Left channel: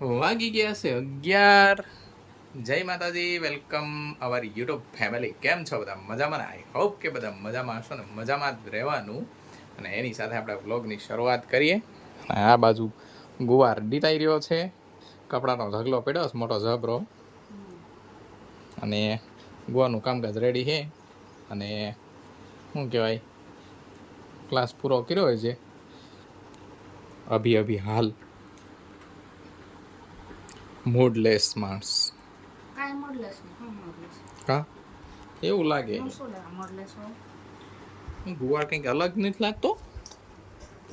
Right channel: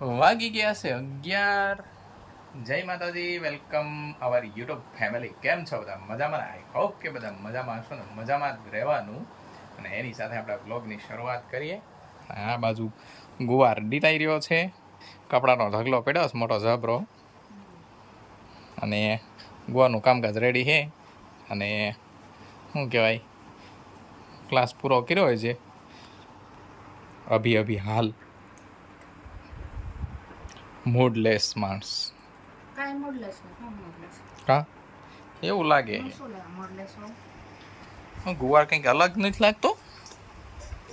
વાગી ગયા છે 11. જય માતાજી, વેલકમ અવર યુટ્યુબ ફેમિલી. કેમ છો બધા? મજામાં ને? આઈ હોપ કે બધા મજામાં હશો ને મજામાં જ રહેવાનું. અને એની સાથે આપણે વ્લોગની શરૂઆત કરીએ. આ બાજુ ગુવાર ડીટાઈ રહ્યો છે, કપડાનો ઢગલો પડ્યો છે મોટો જબરો, અને ગુવારનું કામકાજ રેડી છે. અને શું કહેવાય, ક્લાસ પૂરો કર્યો હોય છે અભી હાલ. મૂડલેસ માણસ કાંઈ મોડલેસ નહીં. હું મોડલેસ કા એવું લાગે હું શું લેવા મોડલેસ હોય? ગુવાર કંઈક અલગ નથી લાગતો.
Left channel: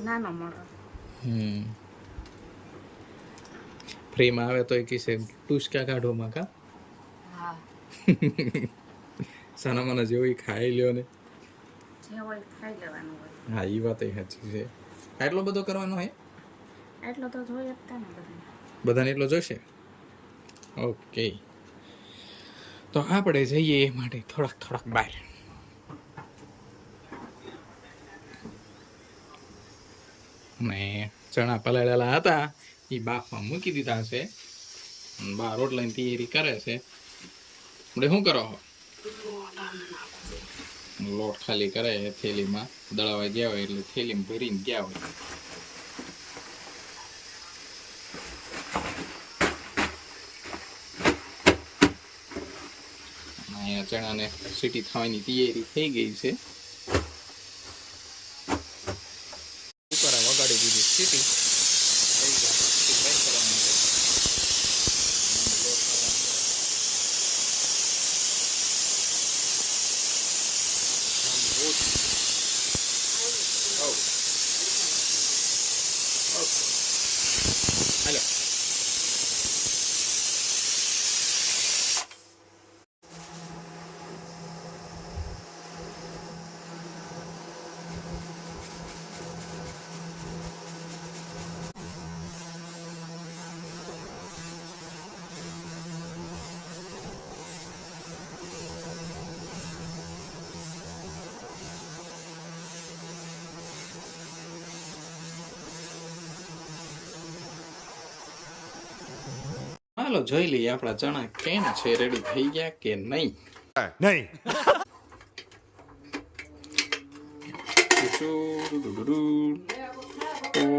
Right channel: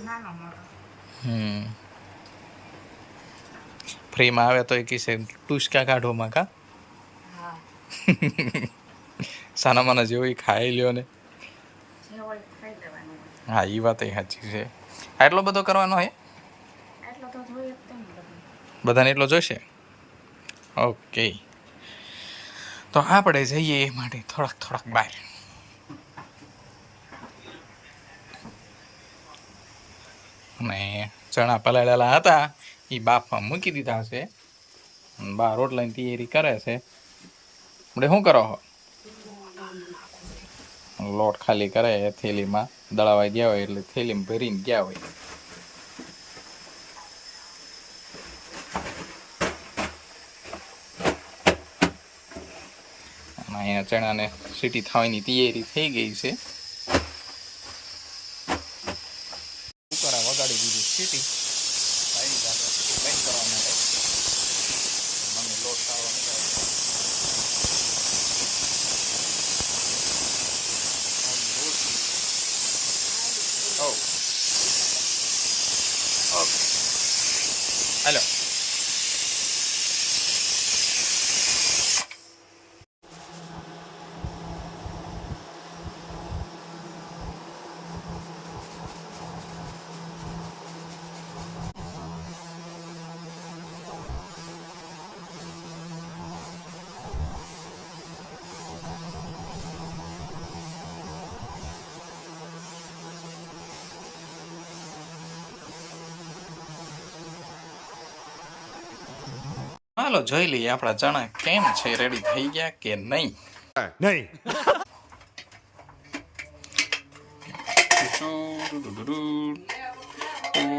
નાનો મોડો ફ્રીમાં આવે તો એ કિસે ટુસકા કાઢોમાં કા હા સાના માના જેવું ખાઈ લ્યો ને. જે હોય ખાઈ લેવાનું. હા, એ વાત સાચી છે. આટલો બધો કરવાનો હે? એટલો તો જોઈએ જ તે ને બધું. બધાને એટલો જોઈશે? ઓકે, તો આપણે જઈએ એ માટે થોડાક બહાર. અને ચણા પલાળેલા હતા એ બાફમાં મૂકી દીધા છે. બહાર રોટલાની તૈયારી કરે છે. આપણે શું કરો? લોટ ખાલી કરે થેલીમાં, દળાવા ગયા હોય એટલે થેલીમાં ભરીને ગયા હોય. અને અહીંયા ચણાને સીટી થવાની તૈયારી થઈ ગઈ છે. કુકર વગાડી દીધી સીટી આવી ગયા બંધ કરવા માટે. મને લોટ પાડવાનું રોટલી. ઓકે, હાલો. હાલો જોઈ લઈએ આપણા ચણા કેમ છે, રેડી થઈ ગયા કે નહીં.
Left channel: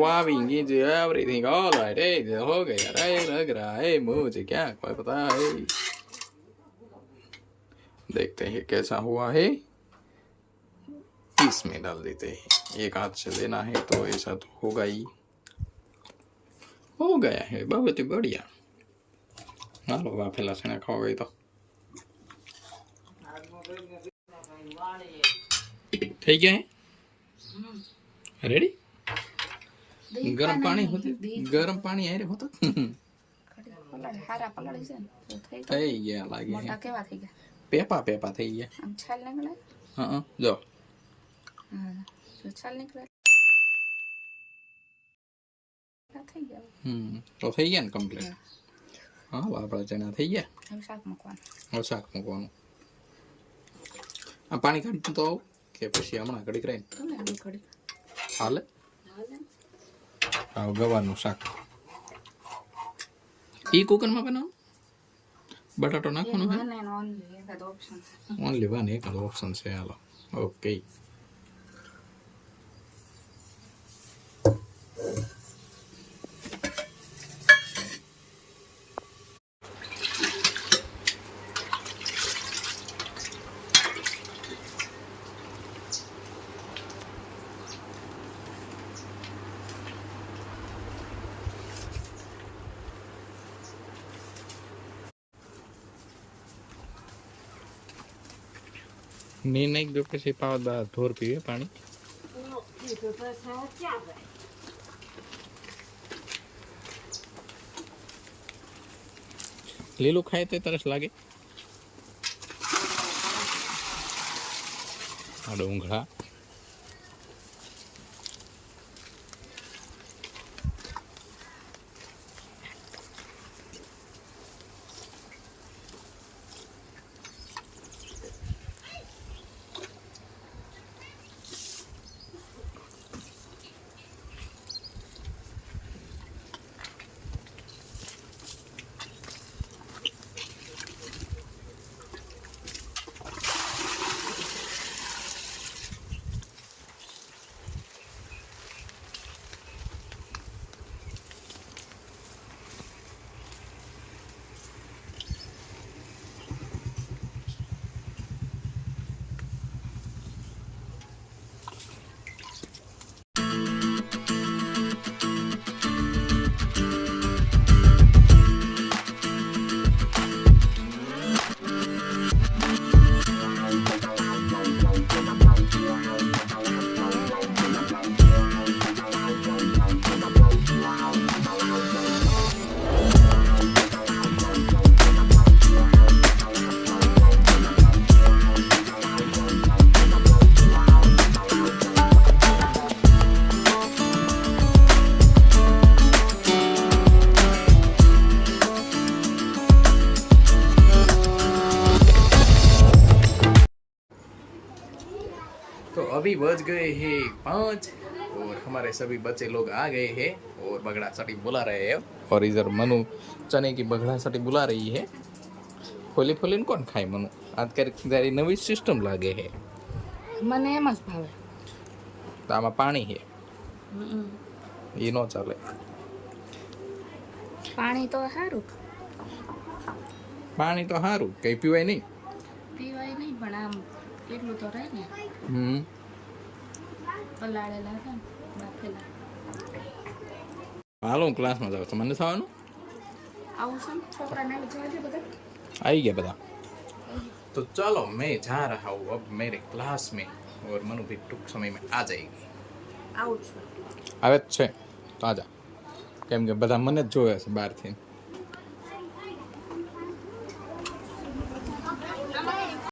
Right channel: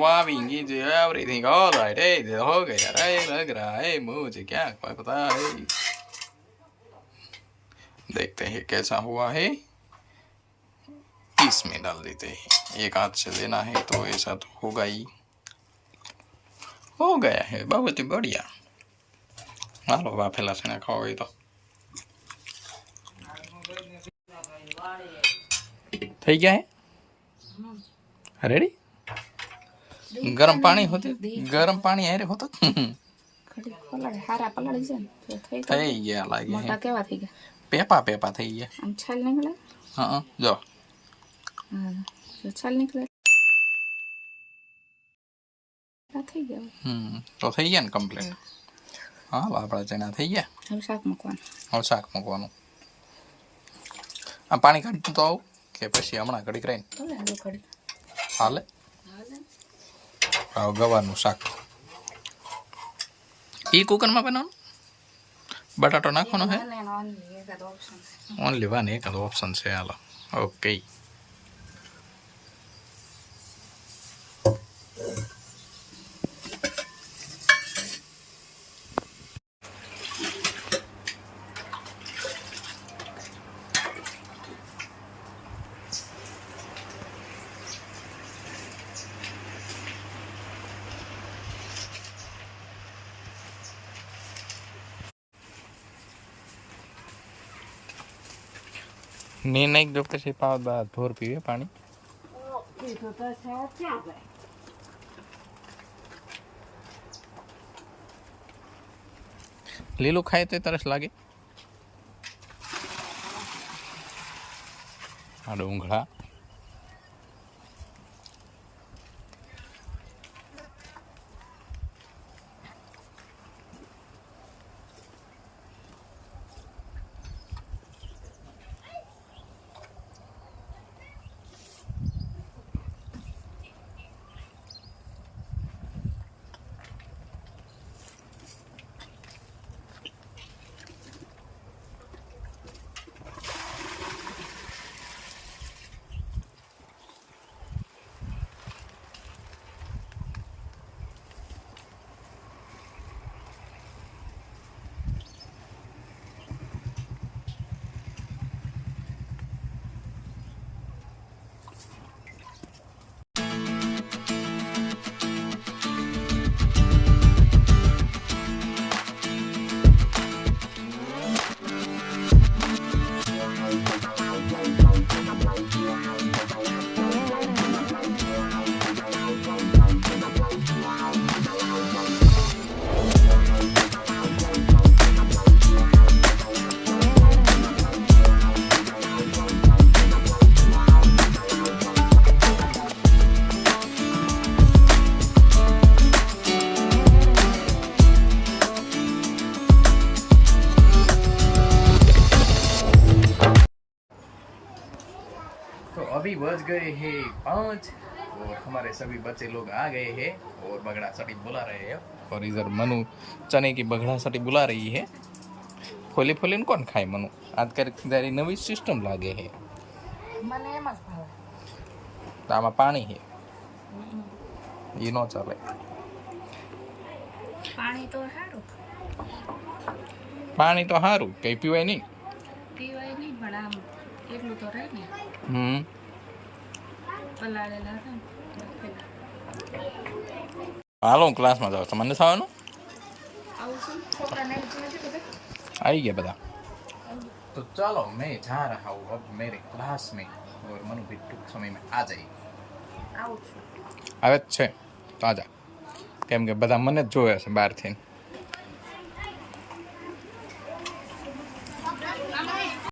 Waving into everything, all right, hey, हो गया रे, लग रहा है मुझे क्या कोई पता है. देखते हैं कैसा हुआ है. इसमें डाल देते हैं. एक हाथ से लेना है तो ऐसा तो होगा ही. हो गया है, बहुत ही बढ़िया. હાલો વાફેલા છે ખાવા હોય તો થઈ ગયા હે રેડી. ગરમ પાણી હોતું, ગરમ પાણી આરે હોતો થઈ ગયા લાગે. કેવા થઈ ગયા? પેપા થઈ ગયા. આમ છાલ નીકળે. હા જો છાલ નીકળે થઈ ગયા. તો થઈ ગયા ને કમ્પ્લીટ. હા, આપણા ચણા થઈ ગયા. હવે શાક મૂકવાનું. આ પાણી કાઢતું તો આવું કે પછી હમણાં ઘડીક રહીને હાલે. ગવારનું શાક એ કુકરમાં બનાવવાનું. બટાટો નાખવાનો છે. ઓનલી વન એકાદ ઓપ્શન છે. Hello okay. નહીં જો પછી પાવત બાદ ભોર પીવે પાણી. લીલું ખાય તો તરસ લાગે. આ ડુંગળા अभी बज गए हैं 5 और हमारे सभी बच्चे लोग आ गए हैं और बगड़ा सटी बुला रहे हैं और इधर मनु चने की बगड़ा सटी बुला रही है। खोली खोली कौन खाए मनु आज कर नवी सिस्टम लागे है મને એમ જ ભાવે. तो आमा पानी है ये नो चले પાણી તો સારું पानी तो हारू कई पीवाय नहीं પીવાય નહીં પણ આમ એટલું તો રહે ને પલાળેલા હતા ને બાફેલા. હાલો હું ક્લાસમાં જાઉં છું મને થવાનું આવું શું છોકરાને જાજે બધા. आई गया बता तो चलो मैं जा रहा हूँ अब मेरे क्लास में और मनु भी टूंक समय में आ जाएगी આવું છું. આવે જ છે તો આજા કેમ કે બધા મને જ જોવે છે બહારથી